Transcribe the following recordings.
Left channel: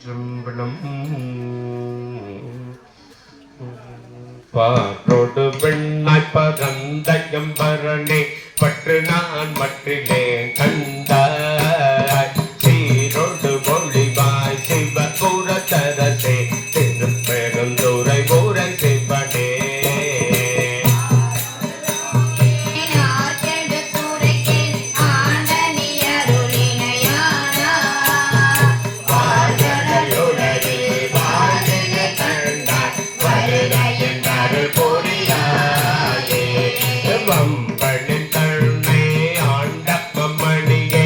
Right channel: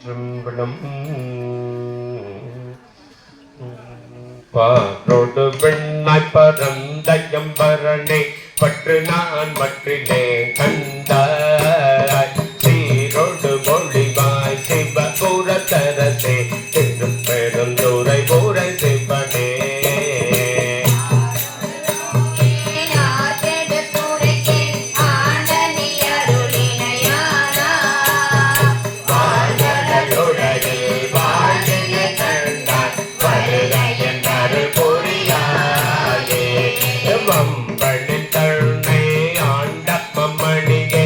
திருங்கணம் பாரோடு வெண்ணாய் பரந்தயம்பரனே பற்று நான் மற்றிலே கண்டாய் சீரோடு மொழிவாய் சிவ கூறத்தரசே திருப்பெருந்துரை ஊரை சிவனே வம்பனின் தன்னை ஆண்ட மம்மணியே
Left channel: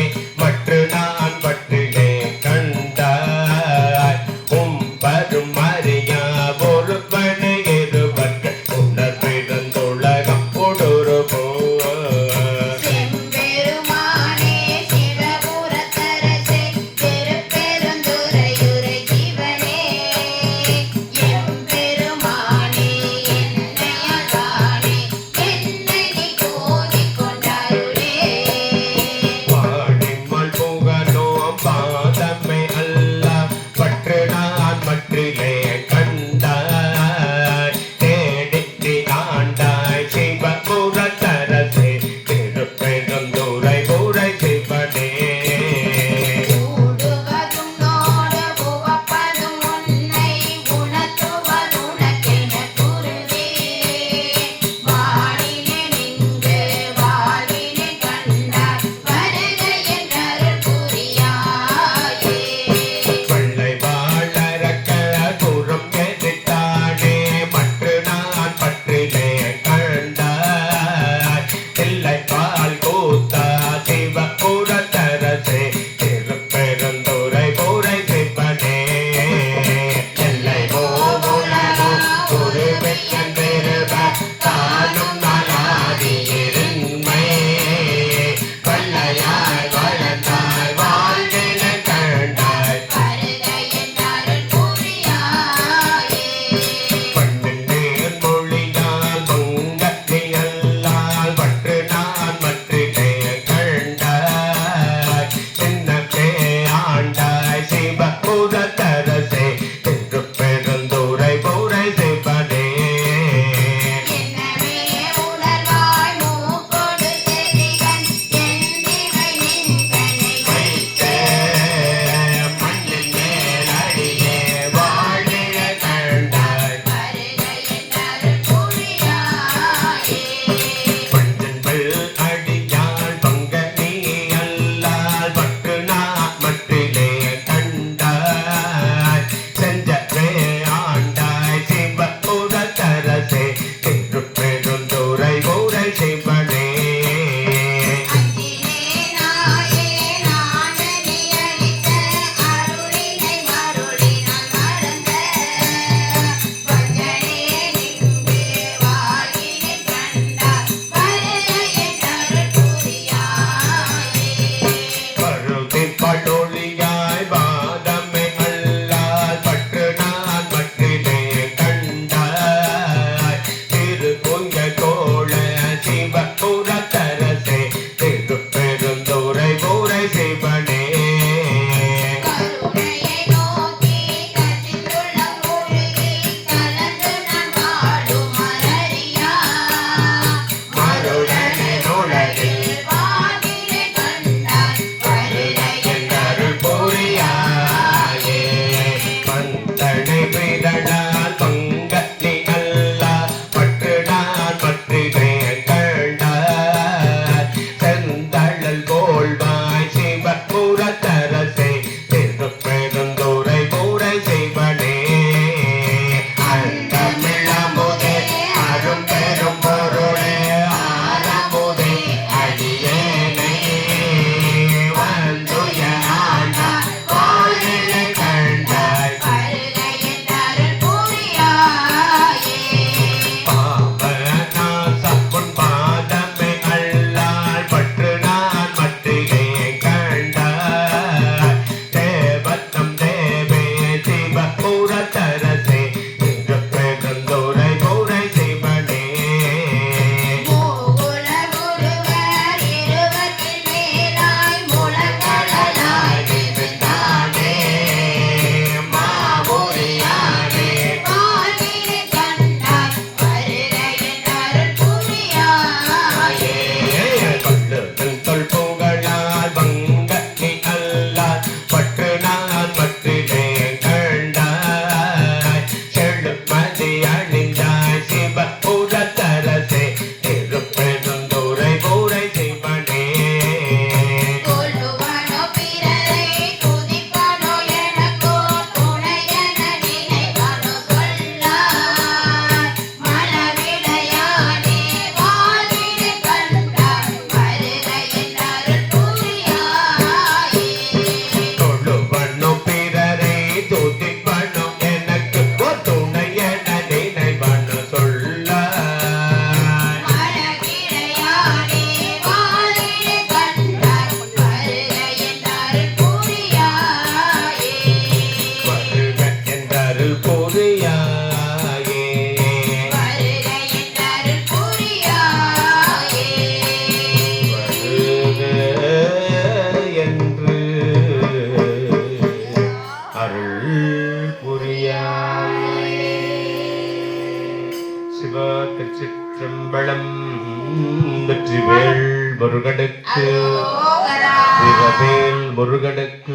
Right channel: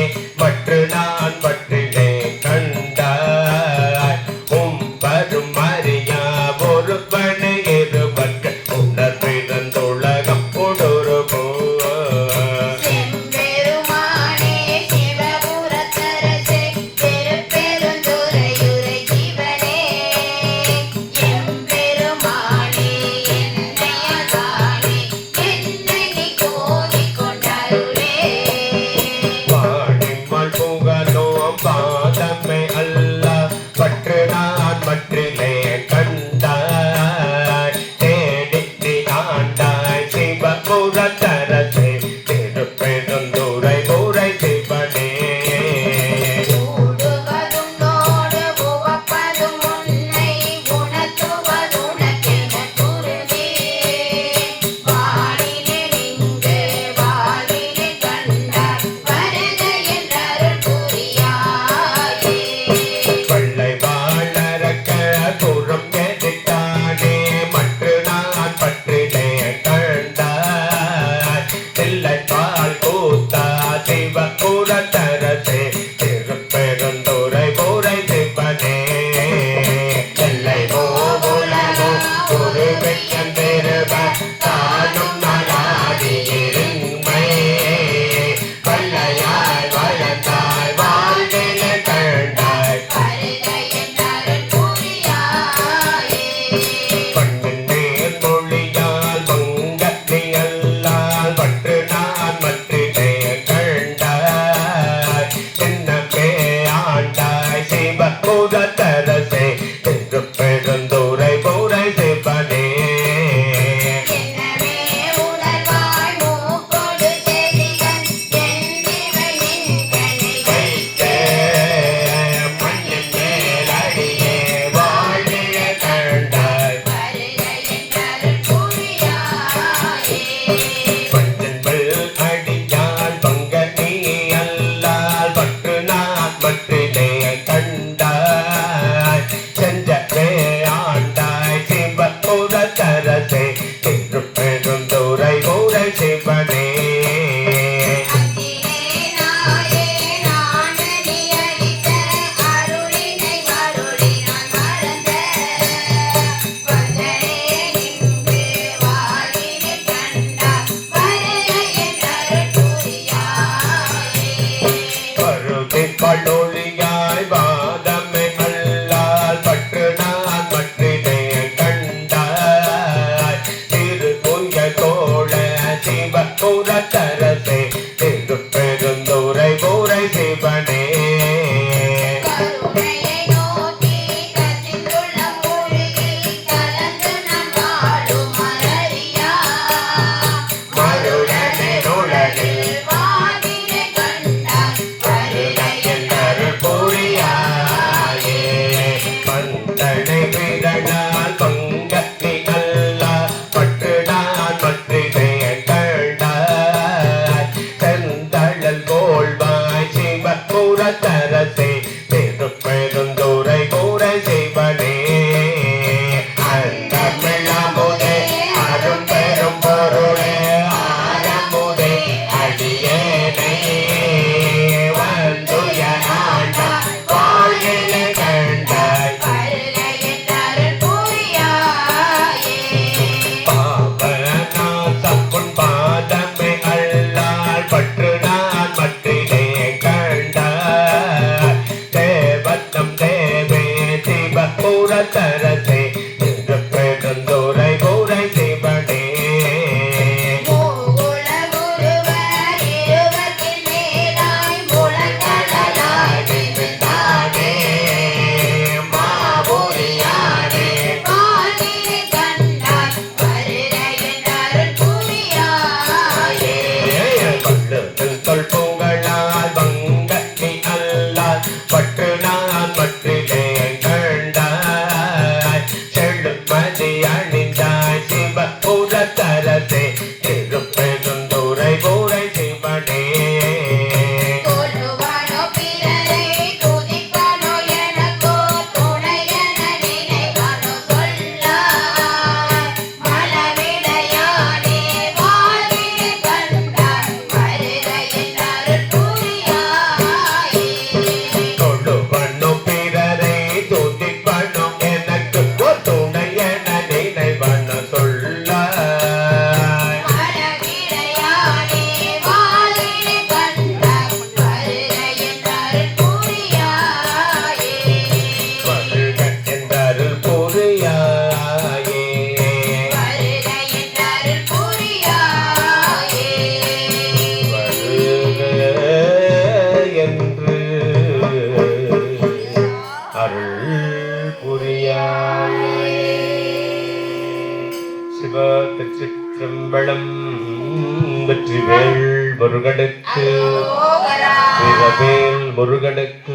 வடவேல் முருகனுக்கு,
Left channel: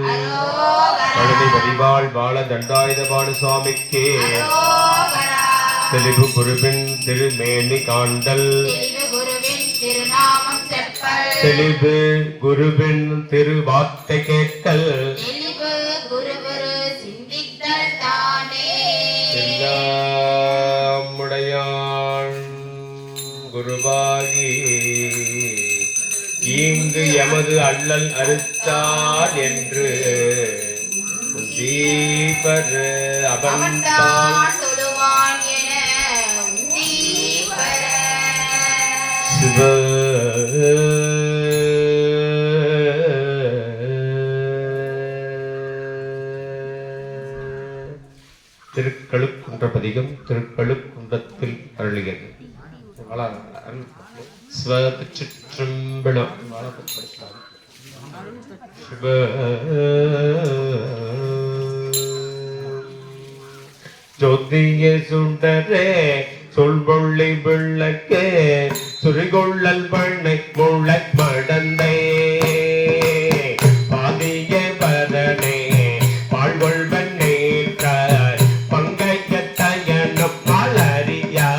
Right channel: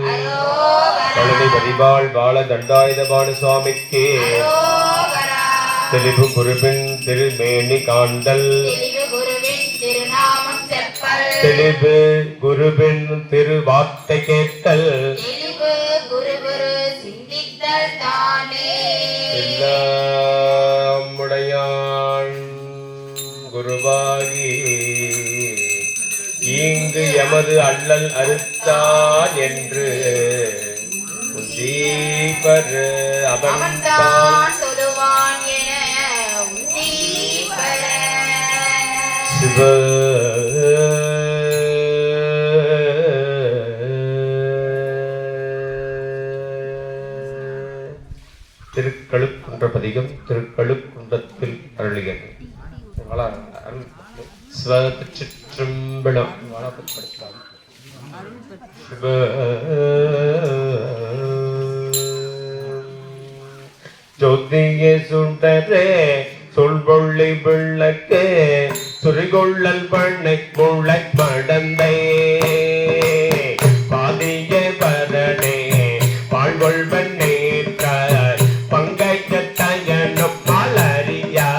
பழனி வடிவாள் வாழ தண்டாயுதபாணி சுவாமிக்கு, தெளிவு குருவின் திருமேனி காண்டல், தெளிவு குருவின் திருவார்த்தை கேட்டல், எல்லாம் உடையான் குருவாகி இங்கு எமது அல்லல் அறுத்தார் என்று தீபர் அவன்தான் சிவ திருக்கழுக்குன்ற பதிகம் திருக்கழுக்குன்றத்தில் அருளியது. சிவச்சிற்றம்பலம் சிவ ஜோதிய சுடரே சொல்வொள்ளி விளக்கு சுரிகொள்ளல் பண்ணை முளை மடந்தை பாதிய பரணே வாழ்வொள்வன் நேற்றாய் பங்கையத்தயனும் மலரியா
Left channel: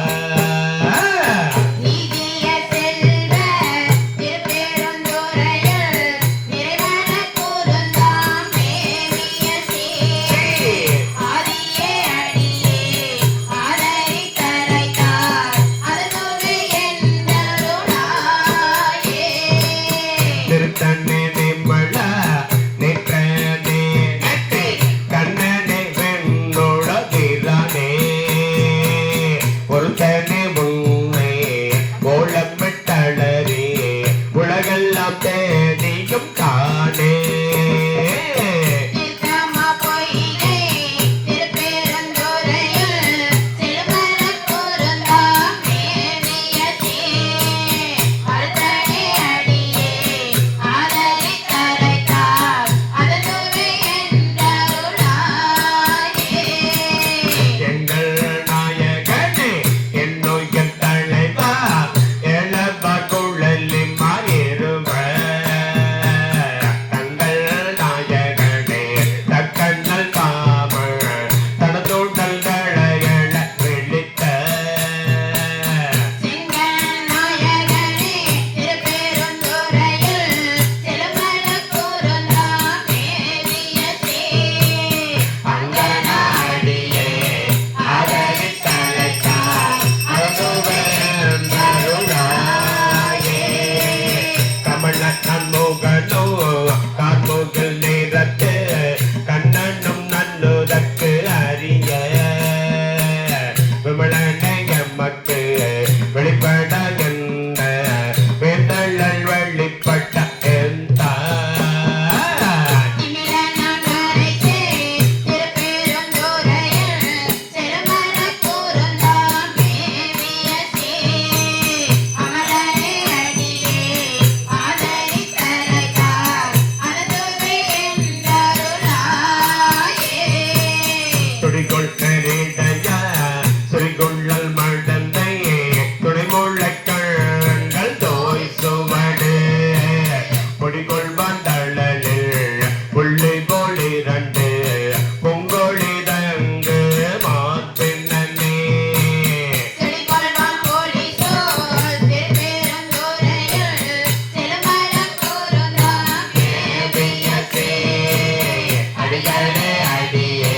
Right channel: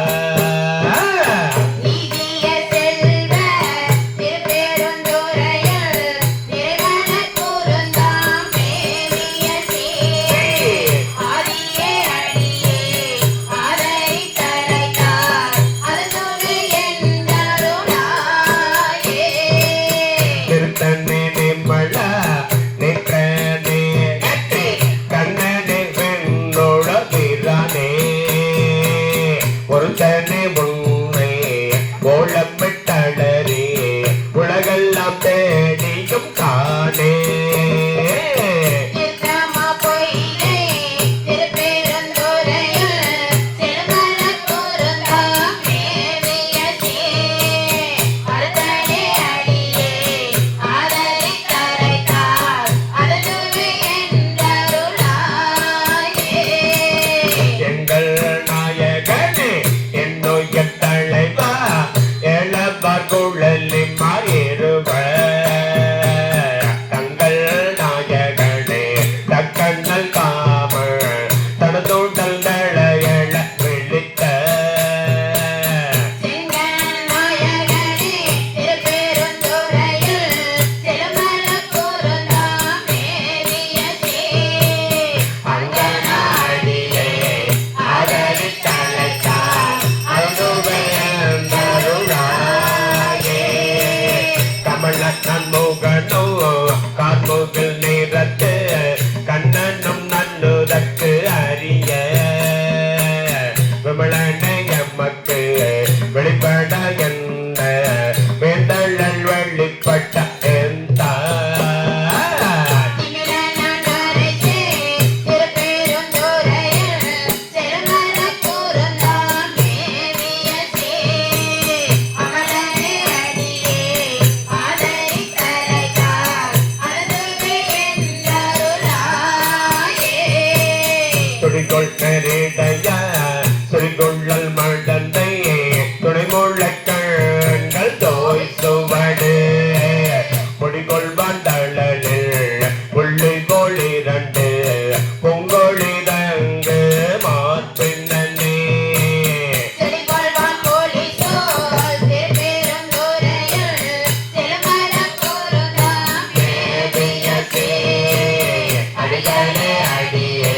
அடியே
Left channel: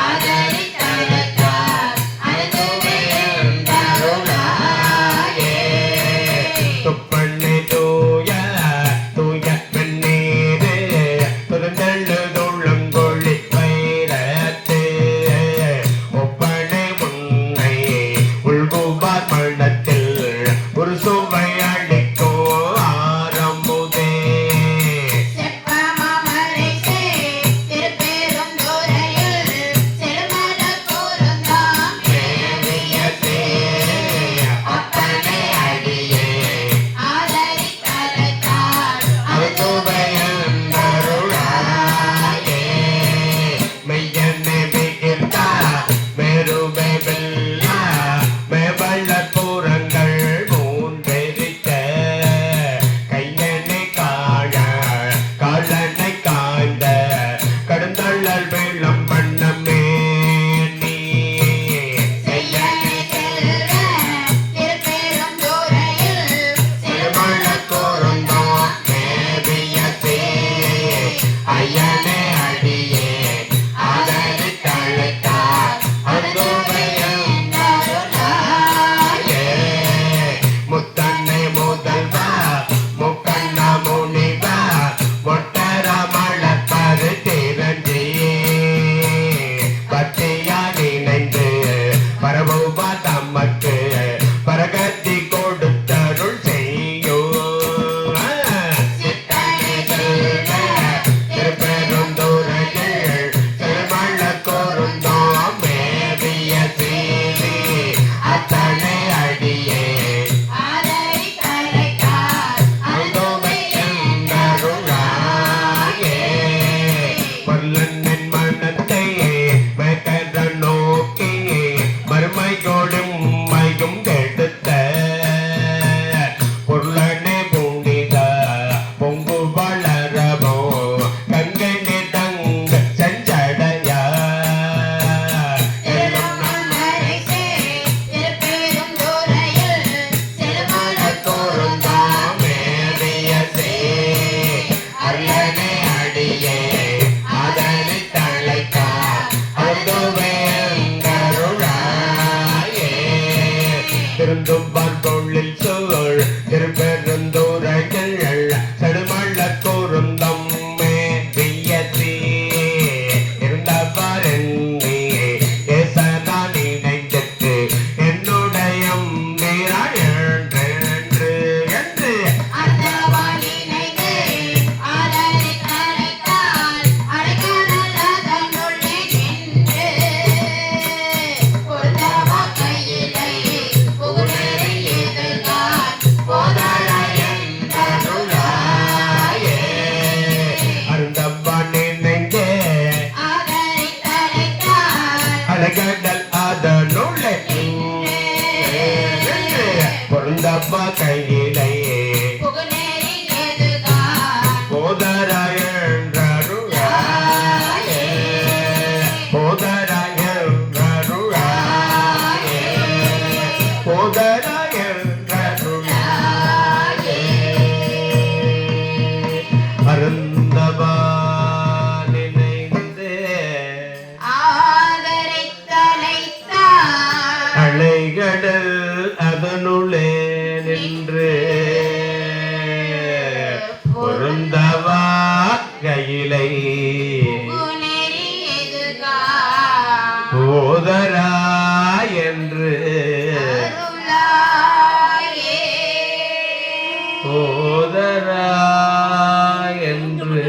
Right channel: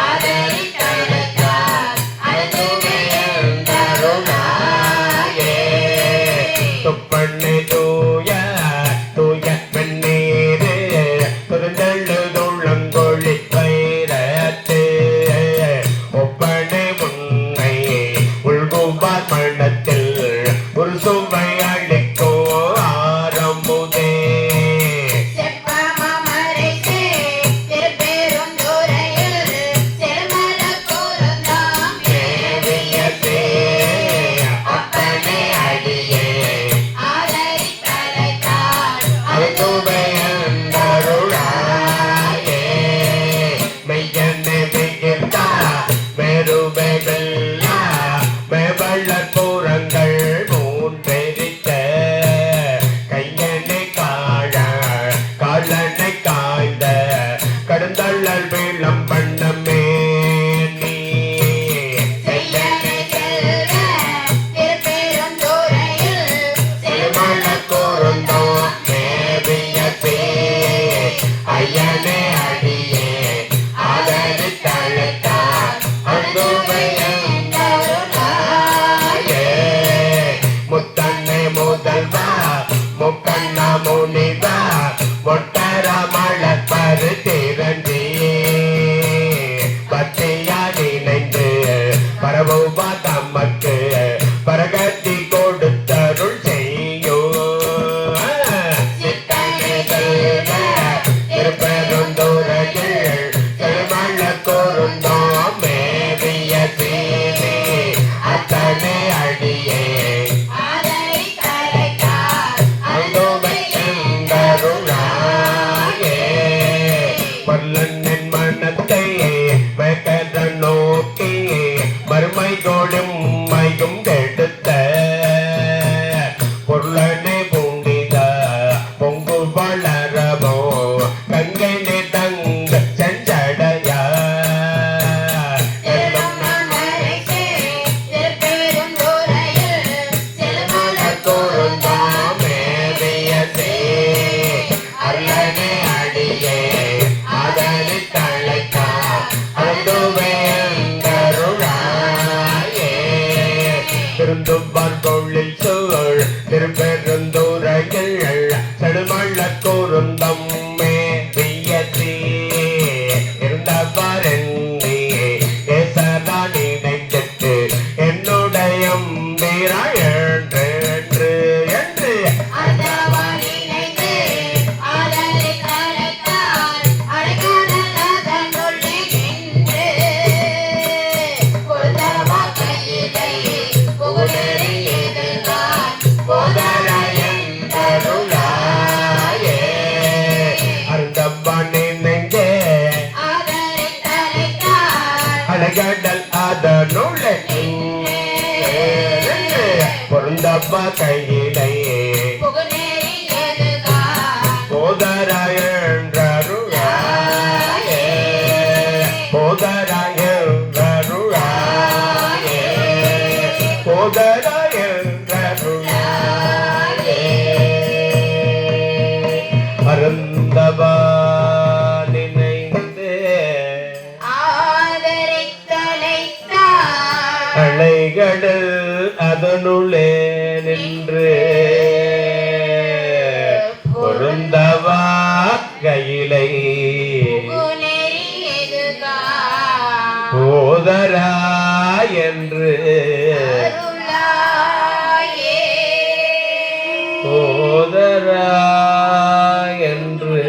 ஆதரி கலக்கா அது மலர் வெள்ளம் பண்ணமே தொழில் சோழ் திருப்பெருந்தூரைகள் செடுமள்ள கூறுந்தம் மேயத்தி இருந்தவரங்கி ஏசதான் இணைந்திட்டு என்னுடைய என்று என்று கடல் அதனுள்ளே பொருந்தப்ப கையிலே போதராயருளாயே போதராயருளாயே போதராயருளாயே அருந்தவா அலைகடல் அதனுள்ளே நின்று பொருந்தவா கையிலை போதரா என்று போதரா என்று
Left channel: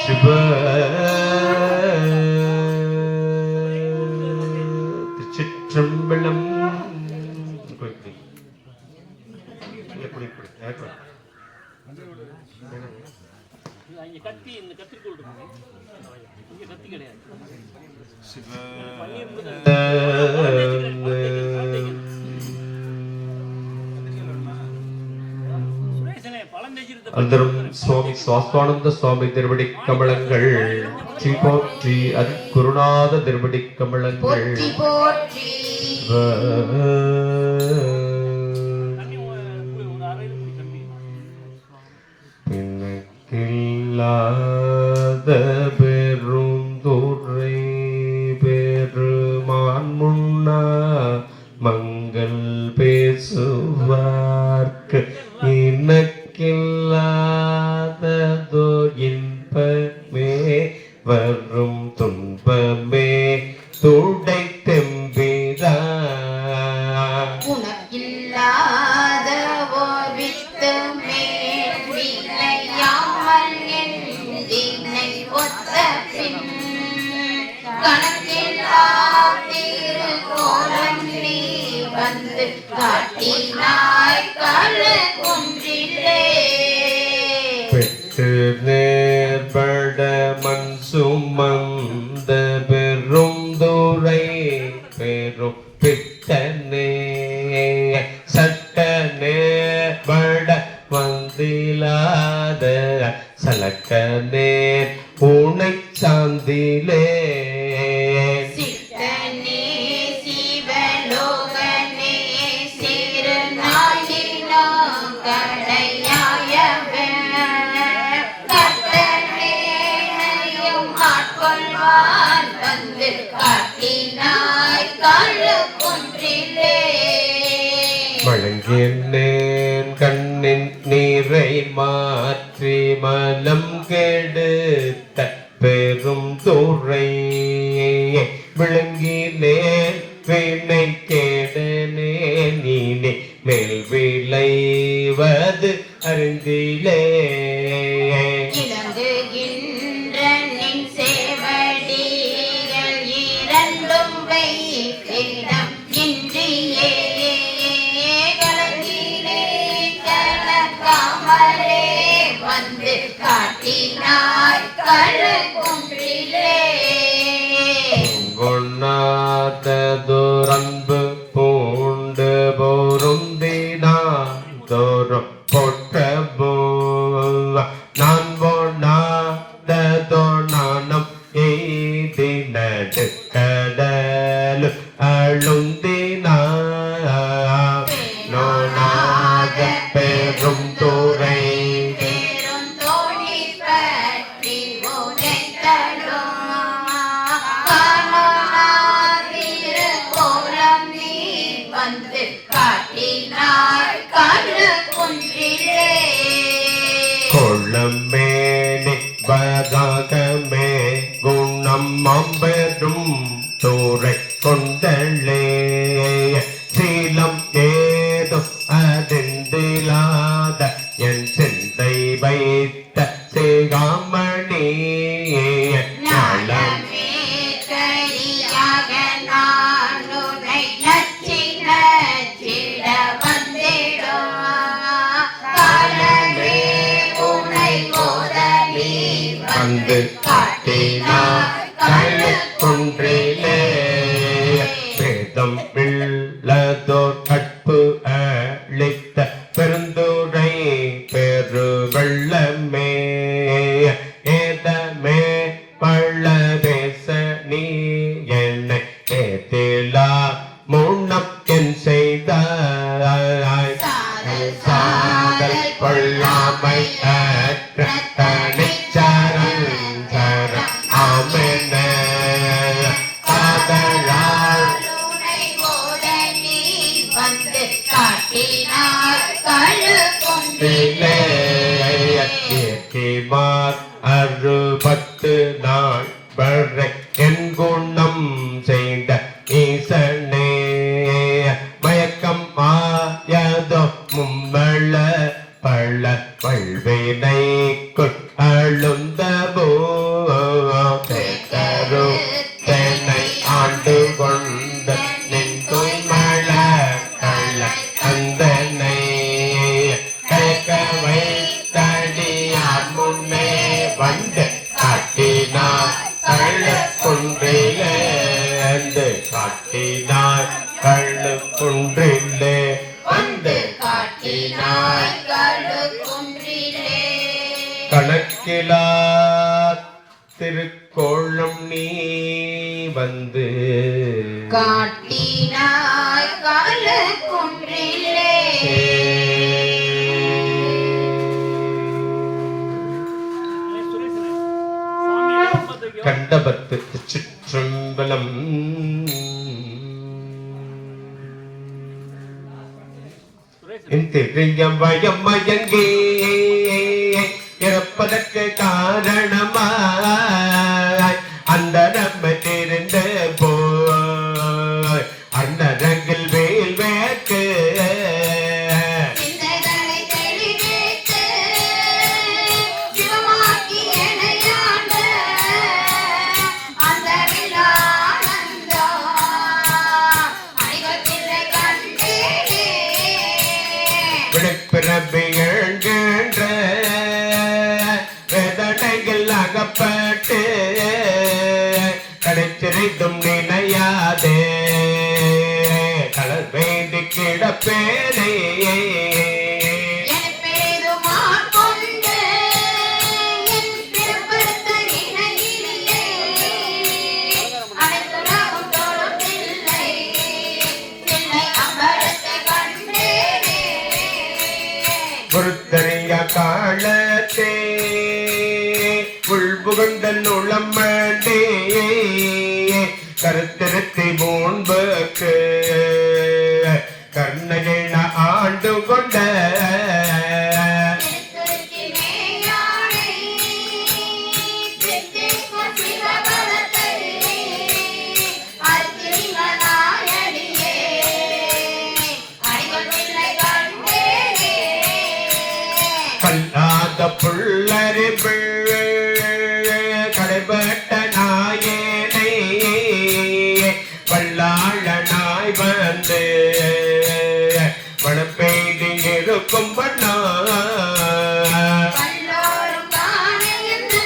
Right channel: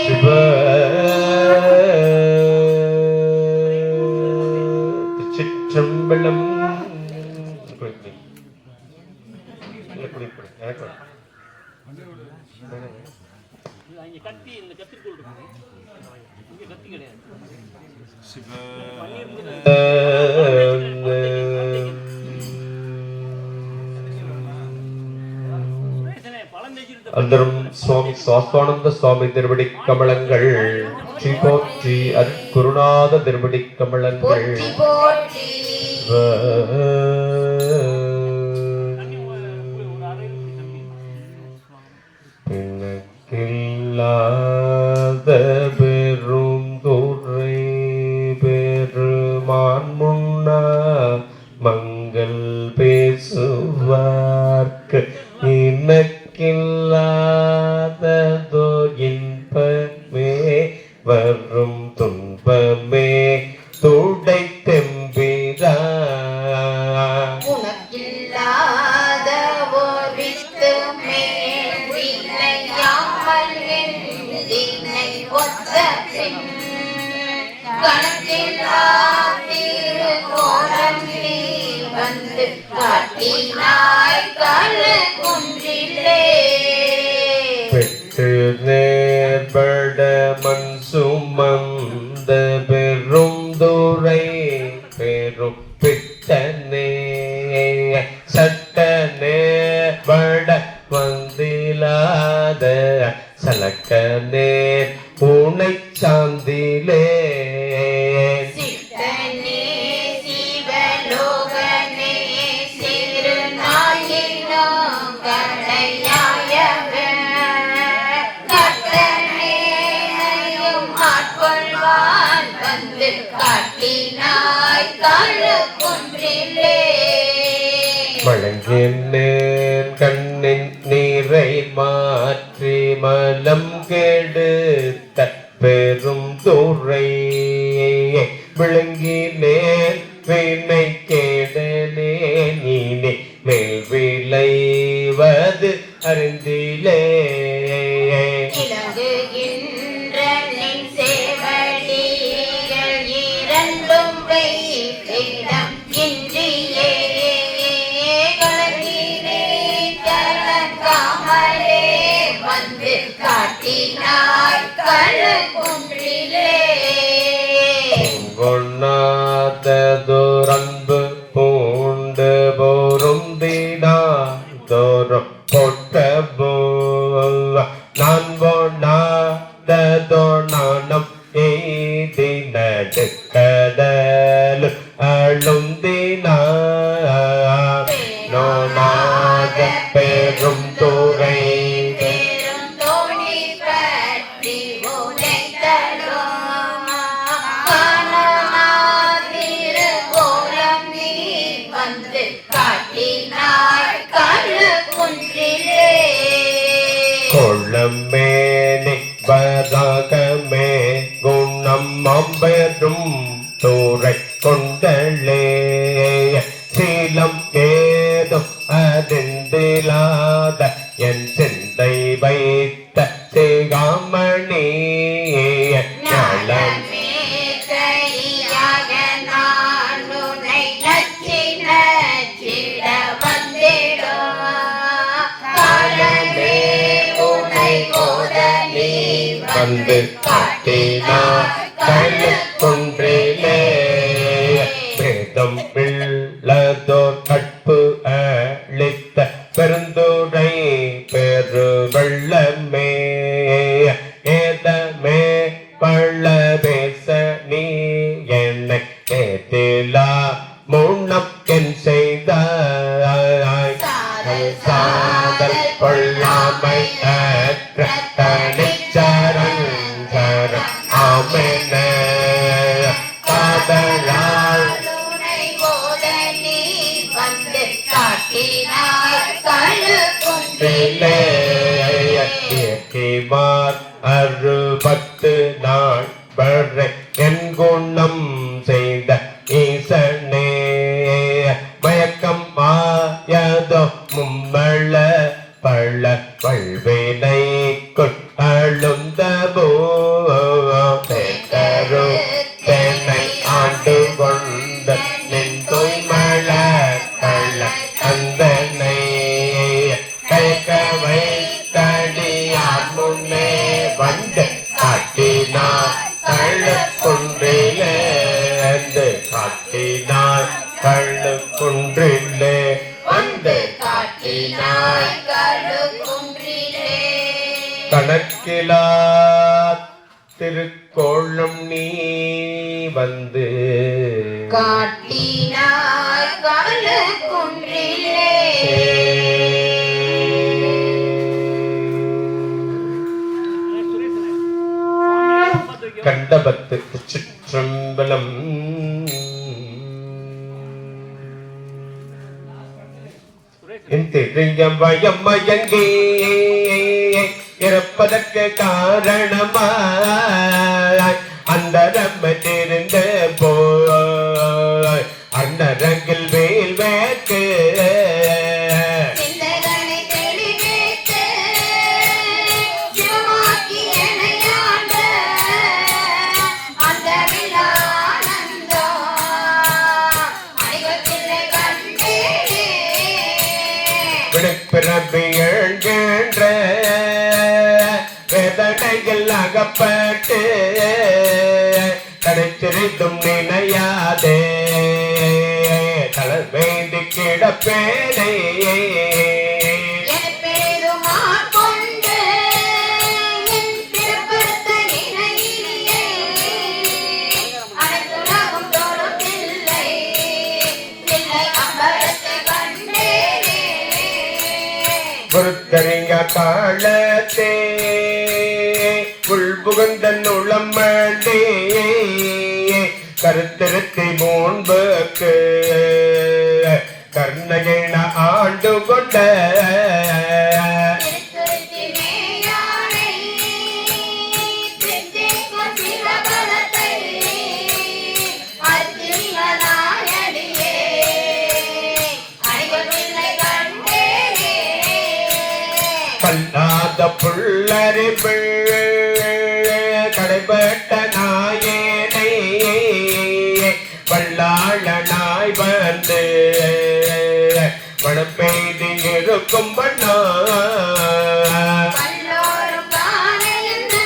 சிவ சம்பளம் அந்தரம் சுவாமி சுவாஸ்வானந்த சுவாமி திருவடி கமலங்கள் போற்றி அருட்குருநாத திருவடி கமலங்கள் பிணக்கில்லாத பெருந்துரை பெருமான் முன்னா மங்கள் பேசுவார்க்கு இனக்கில்லாததோ இன்பமே வரும் துன்பமே துடை தெம்பிரா உனக்கில்லாத வித்து மேல் என்னை ஒத்த பின் கணக்கில்லா திருக்கோலம் நீ வந்து காட்டினாய் கண்ணு குன்றிலே பெற்று நேர்பட மண் சுமந்த பெரும் துரை பெரும் பிட்டனே சட்டனே பட வந்திலாத சலக்க சித்தனே உனை சார்ந்திலே சித்தனே சிவலோகனே சிறுநாயினம் கடையாயவன் கட்டனேனையும் ஆட்கொள்வான் வந்து காட்டினாய் கழுக்குன்றிலே வழங்கினேன் கண்ணின் நீரை மாற்றி மலம் கெடுத்த பெரும் துறை விளங்கினேன் வினை கேடனே நீனே மேல் விளைவது அறிந்திலே இலங்குகின்ற நின் சேவடிகள் இரண்டும் வைத்திடம் இன்றியே கலங்காமலே வந்து காட்டினாய் கழுக்குன்றிலே கொண்ணாததுரம்பு பூண்டு பொருந்தினான் தோறும் பொட்ட நான் போனாததோ நாணம் எய்தினது கடல் அழுந்தினார் நோனாத பெரும் துறை பெரும் தோணி பற்றி உரைத்தலும் காணாதிரு கோலம் நீ வந்து காட்டினாய் கழுக்குன்றிலே கொள்ளமேனி பதாகமே குணம் அம்பெரும் தூரை கொண்டலே சீலம் ஏதும் அறிந்திலாத என் சிந்தை வைத்த சிகாமணி ஞாலம் ஞானமே கையாக நான் உன்னை நச்சி நச்சிட வந்திடும் காலமே உன்னை கோதலி வந்து காட்டினார் கழுக்குன்றிலே பிரேதம் பிள்ளதோர் கற்பு அளித்த பெருந்துரை பெரு வெள்ளமே ஏதமே பள்ள பேச நீ என்னை ஏத்திலா முன்னக்கென் செய்தாய் சாதல் கொள்ளாமை அற்ற தனிச்சரன் ஆமென காதலால் உன்னை கோதலி வந்து காட்டினாய் கழுக்குன்றிலே இயக்கிமார் 60 நாள் வரை என் குணம் செய்த ஈசனே மயக்கம் ஆயதோ மும்மள பள்ள வல்வினை கொழுந்தபோ சேத்தரு தென்னை ஆண்டு கொண்ட நின் தூய்மள கள்ள அந்தனை கயக்க வைத்தடியார் முன்னே வந்து காட்டினார் கழுக்குன்றிலே வந்து காட்டினார் கழுக்குன்றிலே வந்து காட்டினாய் கழுக்குன்றிலே கணக்கிலா திருக்கோளம் நீ வந்து காட்டினாய் கழுக்குன்றிலே கண்டபத்து சிற்றம்பலம் என் தெரிஞ்சம் வயம் மயங்கி இறப்பதற்கு காரணமாய் அந்த நம்ம தெரிந்த போய் அன்னரங்கில் வேல் வேக்கு சிந்தைகளை தெளிவேற்று சிவமாக்கி எனையாண்ட அந்த விழானந்தம் அணிகத்திலே கண்டேனே விழிப்பிறப்பு எழுகின்ற வேதனைகள் அகப்பட்டு கடைச்சிரித்தும் நினையாதே கடல் வேண்டி கிடப்பேனே என் பெருமாள் கொண்டு என் காலத்தே உள்புகழ்ந்தன் உளமண்டே கருத்திருத்தி முன்புக்கு கர்ணகிண ஆண்டு கொண்ட திருத்துருத்தி மேயானை தித்திக்கும் சிவபலத்தை அத்திமனாயடியே அடிகொள்வில்லை கண்டேனே கல்லாத புள்ளறிவு கடைபட்ட நாயனை வல்லாளனாய் வந்து மனப்பெய்து இருக்கும் பண்ணா கல்லோரும் காணையன்று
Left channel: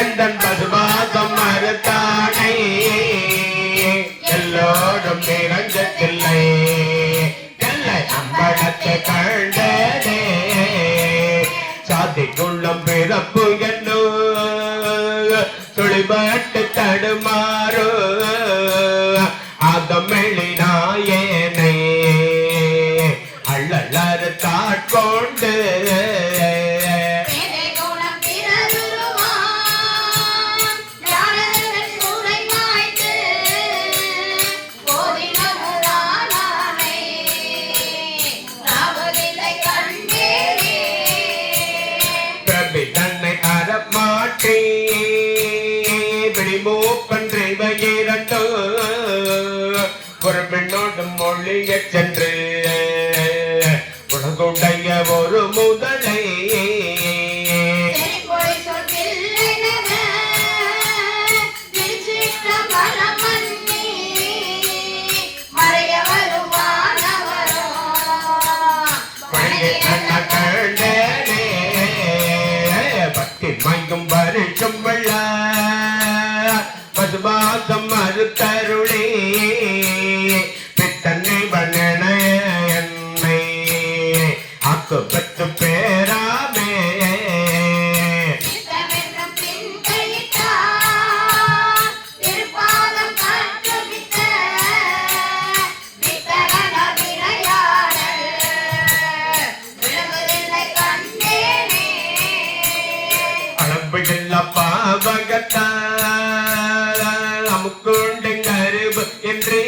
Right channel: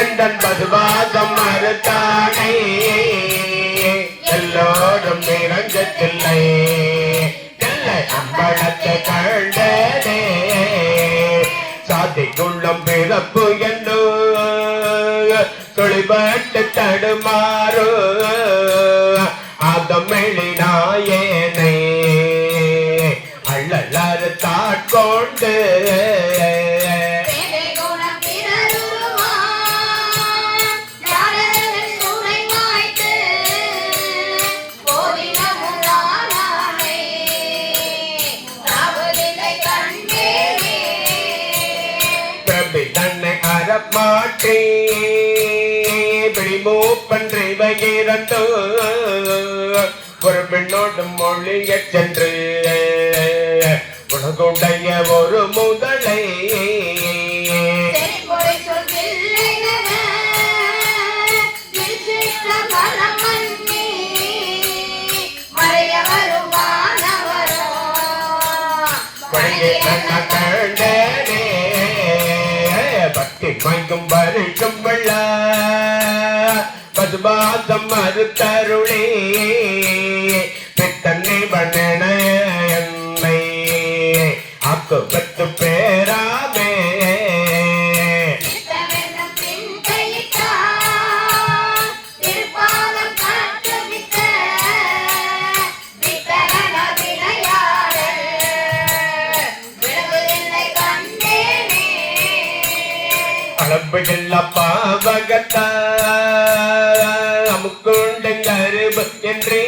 எந்தன் பதுவாதம் மறுத்தானே எல்லோரும் நிரஞ்சத்தில்லை இல்லை அம்பலத்தை கண்டனே சாதிக்குள்ளும் பிறப்பு என்னோ துளிபட்டு தடுமாறு அதமெளினாயேனே அள்ளலறு தாட்கொண்டு பேதை குணம் பிறருருவாம் ஞானங்கள் சூளை மாய்த்து போதினமுதானானை நாவதில்லை கண்டேனே பிரபி தன்னை அறமாட்டே பிடிமூப்பன்று இவையிரண்டோ ஒரு பெண்ணோடு மொழியச் சென்று உலகுடைய ஒரு முதலை செறிபொழி சொல்கில்லையென திருச்சிற்ற பரமன்னி மறைய வருவானவரோ வழியை கண்ண கண்டனே பக்தி மயங்கும் வருஷம் வெள்ள மதுபாதம் மறுத்தருளே பித்தன்னை பண்ணன என்னை ஆக்கு பத்து பேராமே நித்தமென்னும் பின்கையிட்டார் திருப்பாதம் கட்டுவித்த வித்தகன விளையாடல் விலகுதில்லை கண்டேனே அளவுகில்ல பாவகத்தா அமுக்குண்டு கருவு என்றே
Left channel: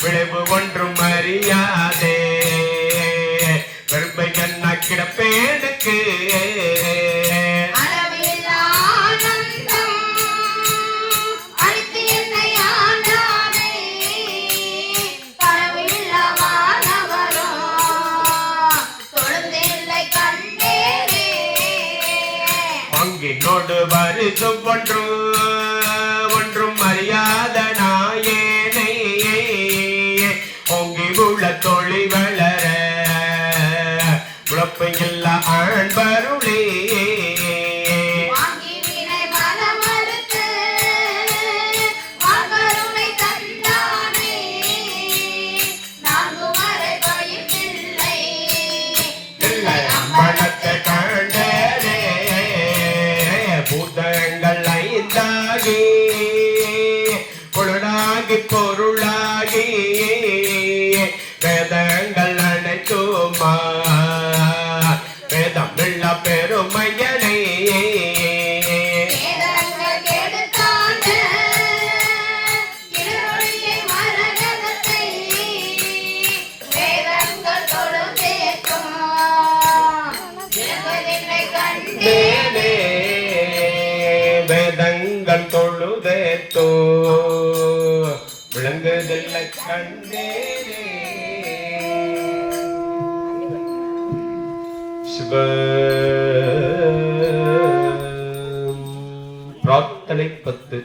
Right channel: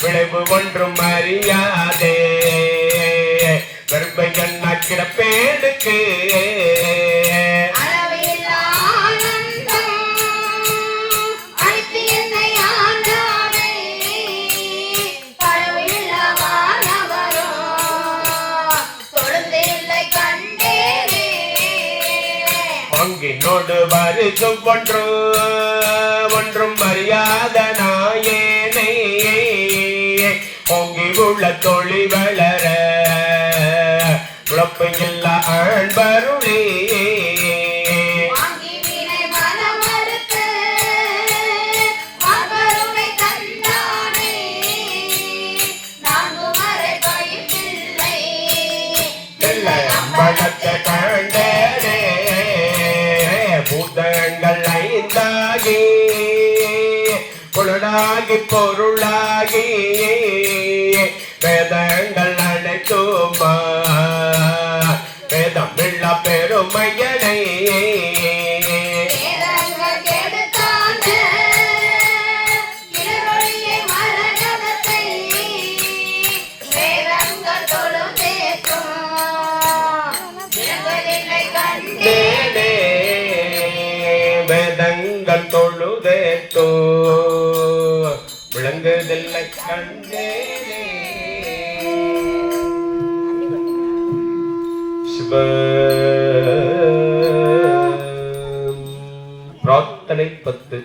விளைவு ஒன்றும் அறியாதே கருப்பை கண்ணா கிடப்பேனுக்கு அளவில்லா ஆனந்தம் அளித்து என்னை ஆண்டானை களவில்லா வானவரும் தொழுந்தில்லை கண்டேனே அங்கினோடு வருஷம் ஒன்றும் அறியாத நாயேனை பொங்கி உள்ள தொழி வளர உழப்பையில் ஆழ்வருளே வாங்கி வினை மனமறுத்து மகருணை தந்தானே நான்கு மறை பயமில்லை இல்லை அம்பலத்தை கண்டனே பூதங்கள் ஐந்தாகி பொருளாகி பொருளாகி வேதங்கள் அனைத்துமா வேதமில்ல பெருமையனே வேதங்கள் கெடுத்தாண்ட இருளொளியை மரணத்தை வேதங்கள் தொழுதேற்றும் விலகுதில்லை கண்டேனே வேதங்கள் தொழுதேத்தோ விளங்குதில்லை கண்டேனே சிவ பிரார்த்தனை 10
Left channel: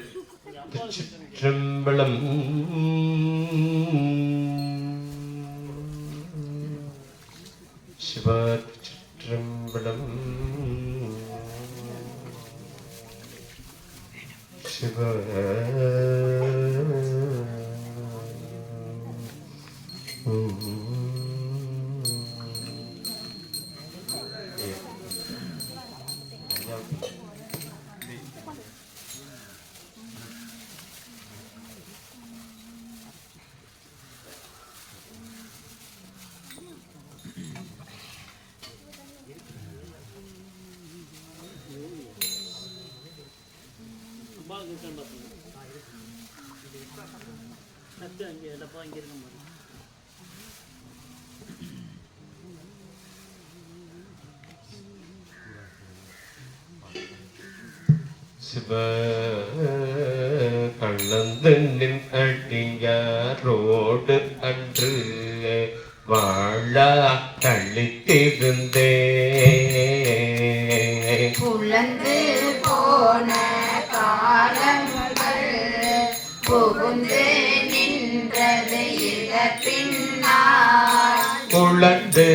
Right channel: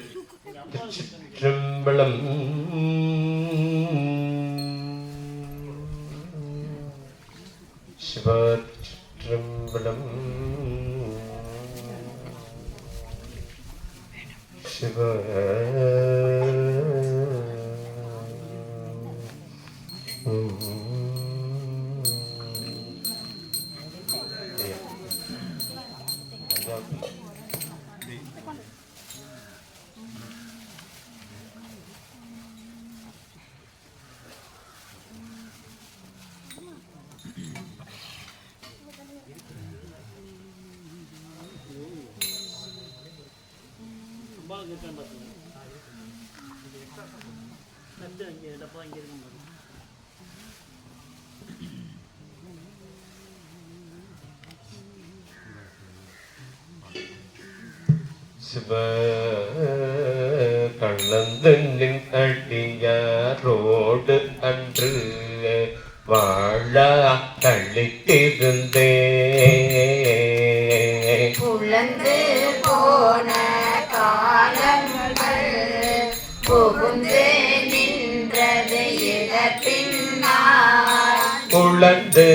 திருச்சிற்றம்பலம் சிவ திருச்சிற்றம்பலம் சிவ சிவ கண்ணந்தனின் அடியாரோடு அன்று வாழ கழித்திருந்தே புலந்து போன காலங்கள் புகுந்து நின்றது இதற்பின்னார் உழந்து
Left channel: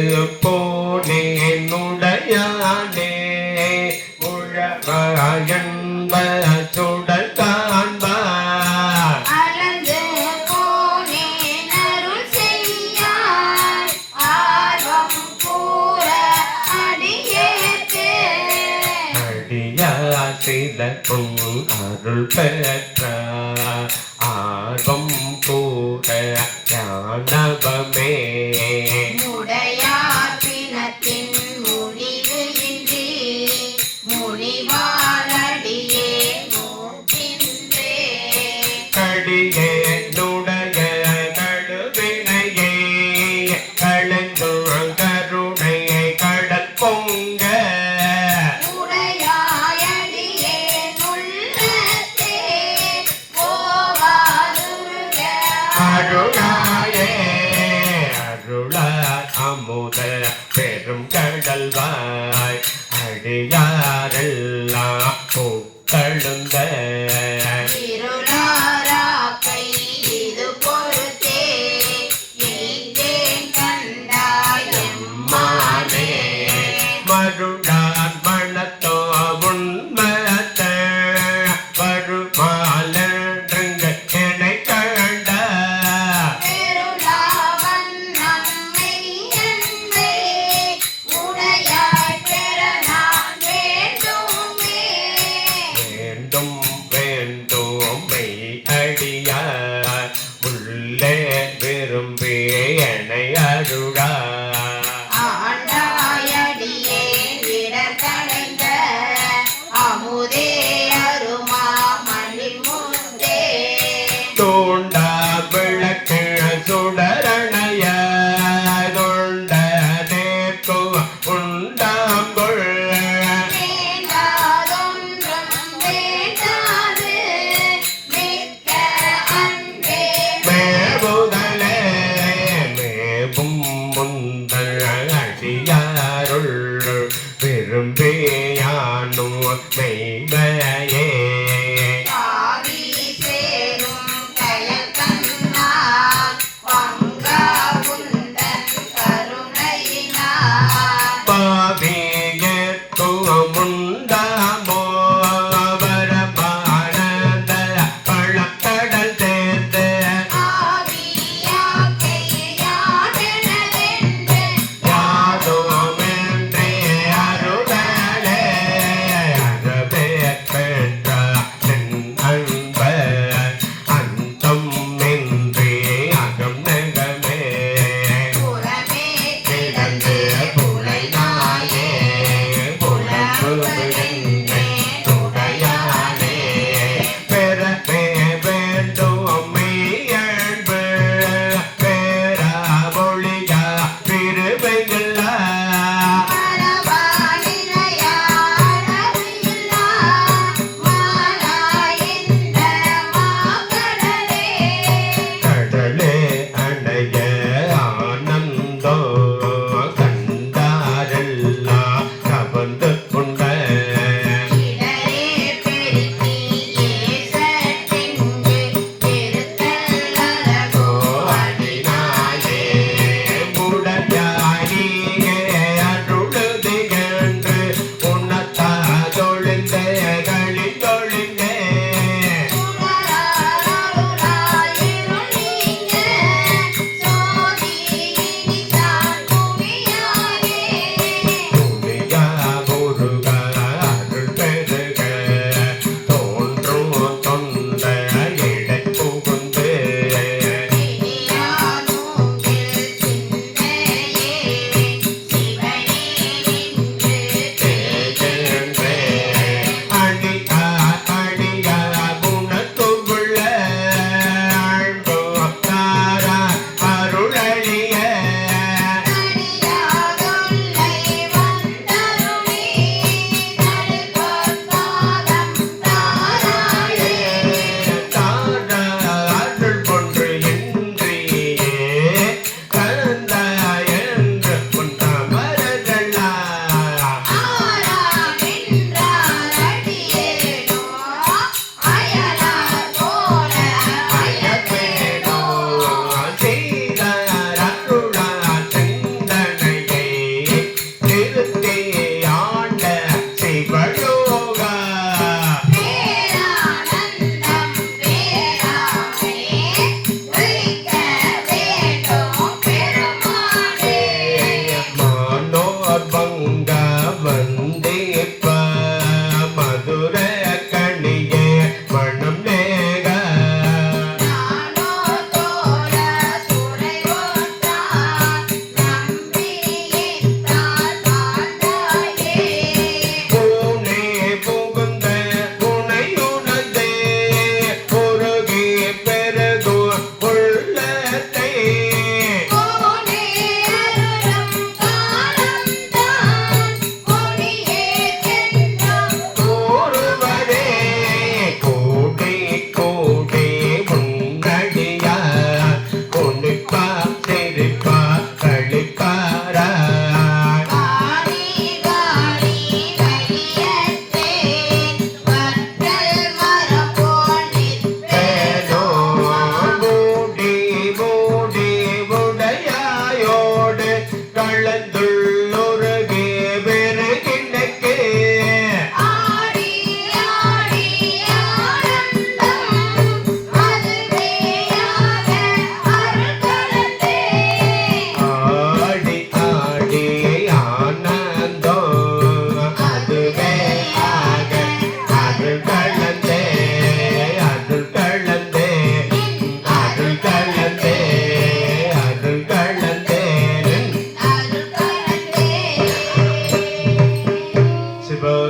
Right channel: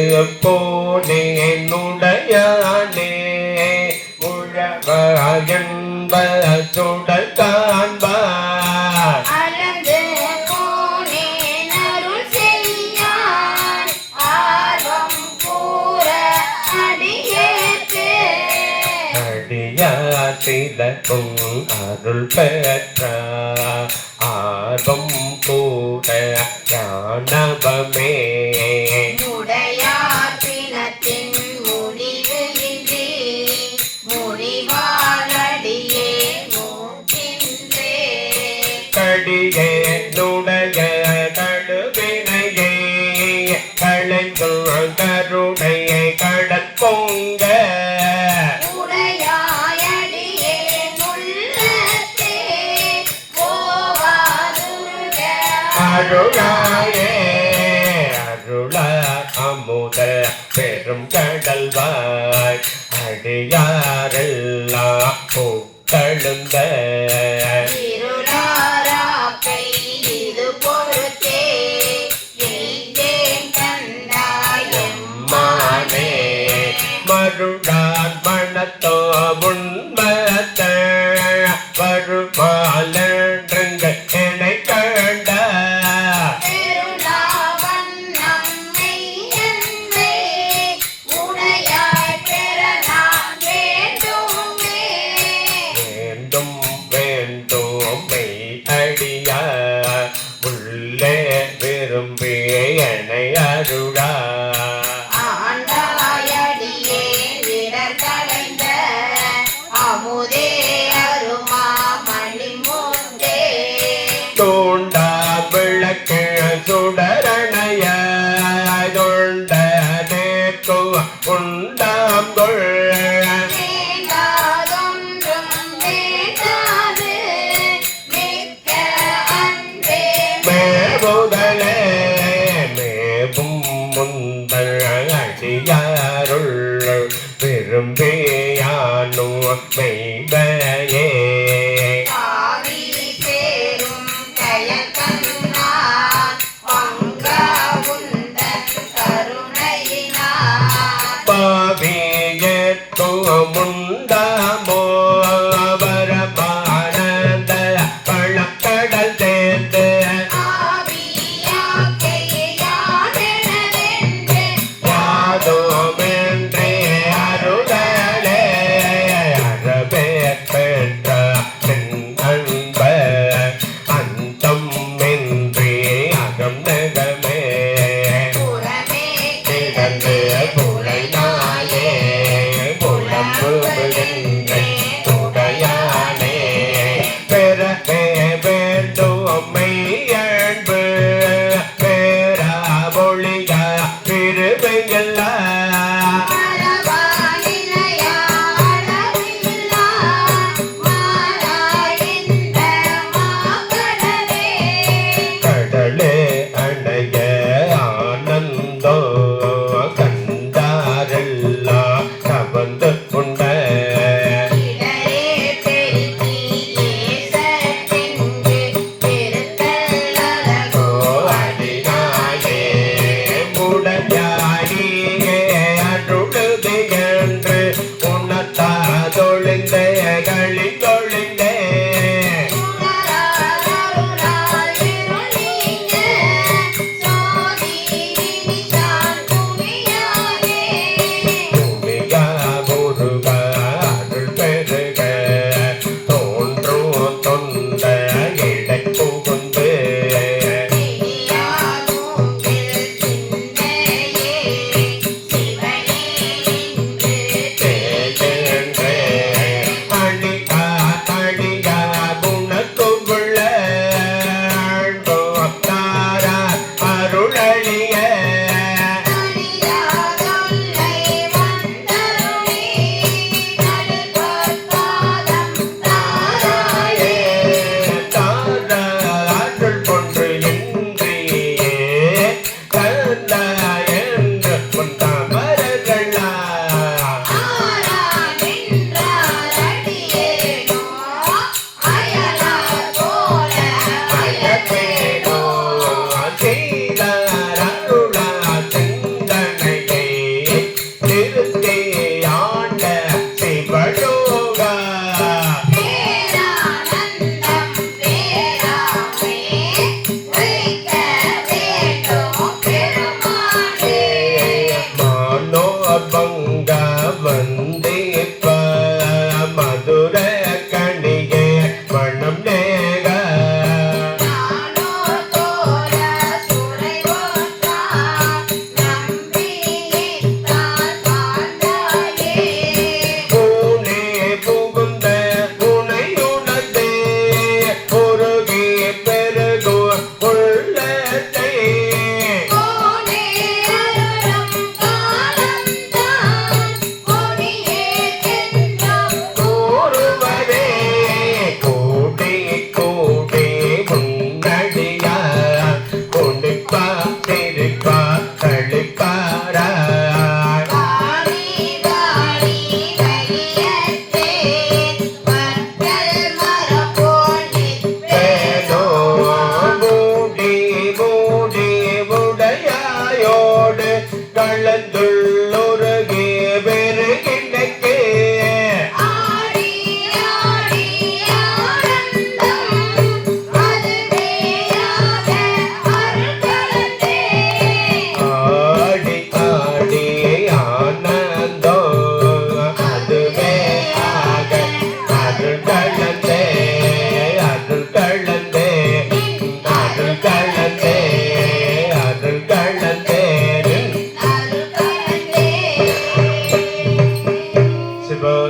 போனே நுடையானே உழவாயன்ப சுடல் காண்பார் அளந்து போனேன் அருள் செய்யார் ஆர்வம் கூற அடியேற்று அடியாத்திலக்கும் அருள் பெற்ற ஆர்வம் கூட ஞானவமே முடையார் பிணத்தின் முடிவு இன்றி முனிவாரடியே மூக்கின்றே கடியே நுடைய கழுவினையே களைந்து கருணையை கடல் பொங்க உடையாயடியே உள்ளத்தே போவாதுருக அருளாயே அருள அமுத பெரும் கடல்வாய் அடியாரெல்லாம் பூக்கழுந்த இருளாராக்கை இது பொறுத்தே எய்தேன் கண்டாய் மானே மருடார் மணத்தோ உண்மத்த வருமாலன்றங்க என்னை கண்ட பெருளாவண்ணம் மெய்யன்பே உடையாய் பெற நான் வேண்டுமே வேண்டும் வேண்டும் மெய் அடியா உள்ளே விரும்பி என்னை அருளா ஆண்டாயடியே விடத்தடைந்த அமுதே அருமாமணி மூன்றே தோண்டா விளக்கு சுடரணைய தொண்ட தேக்கு உண்டாம்புள் வேண்டாதொன்றும் வேண்டாது மிக்க அன்பே மேவுதலே மேவும் முந்தல் அடியாருள் விரும்பியானோ மெய்மையே ஆவி சேரும் கயக்கண்ணார் பங்கா உந்தன் கருணையினார் பாவியத்தோ முண்டாமோ வரமானந்த பழக்கடல் சேர்த்து ஆவியாக்கை யாரெனதென்று யாதோமென்றே அருளலே அறவே பெற்ற நின் அன்ப அந்தம் இன்றி அகம் நகமே புறமே கிடந்து புலை நாயே புலம்பு விழுங்கை உடையானே பெறவே வேண்டும் மெய்யன்பு பேரா மொழியா திருவெங்கல்லா மரபாலினையா அழகில்லா மாறாயிந்த மாகடலே கடலே அணைய ஆனந்தோ கண்டாரெல்லாம் கவர்ந்து கொண்ட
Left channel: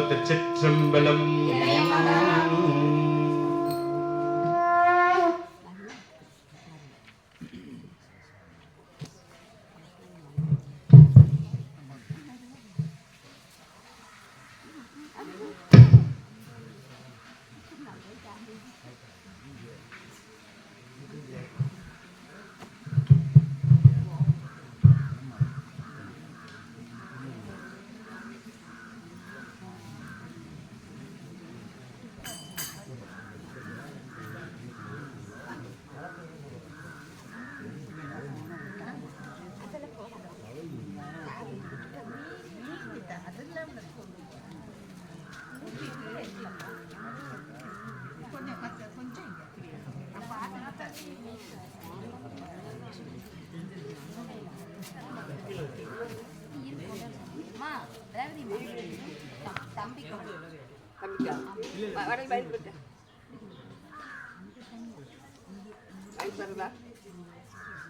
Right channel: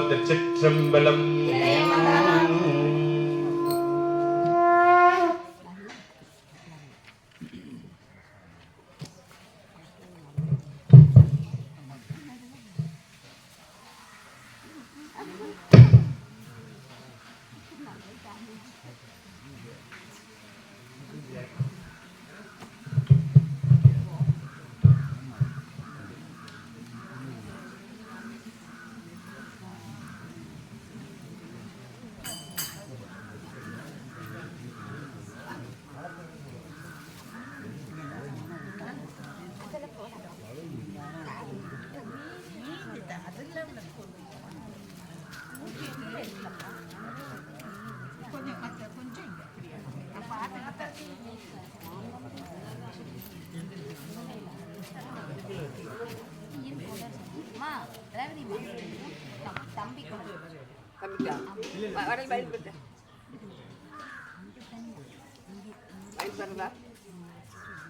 திருச்சிற்றம்பலம். தம்பி கொடு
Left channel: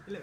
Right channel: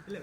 இல்ல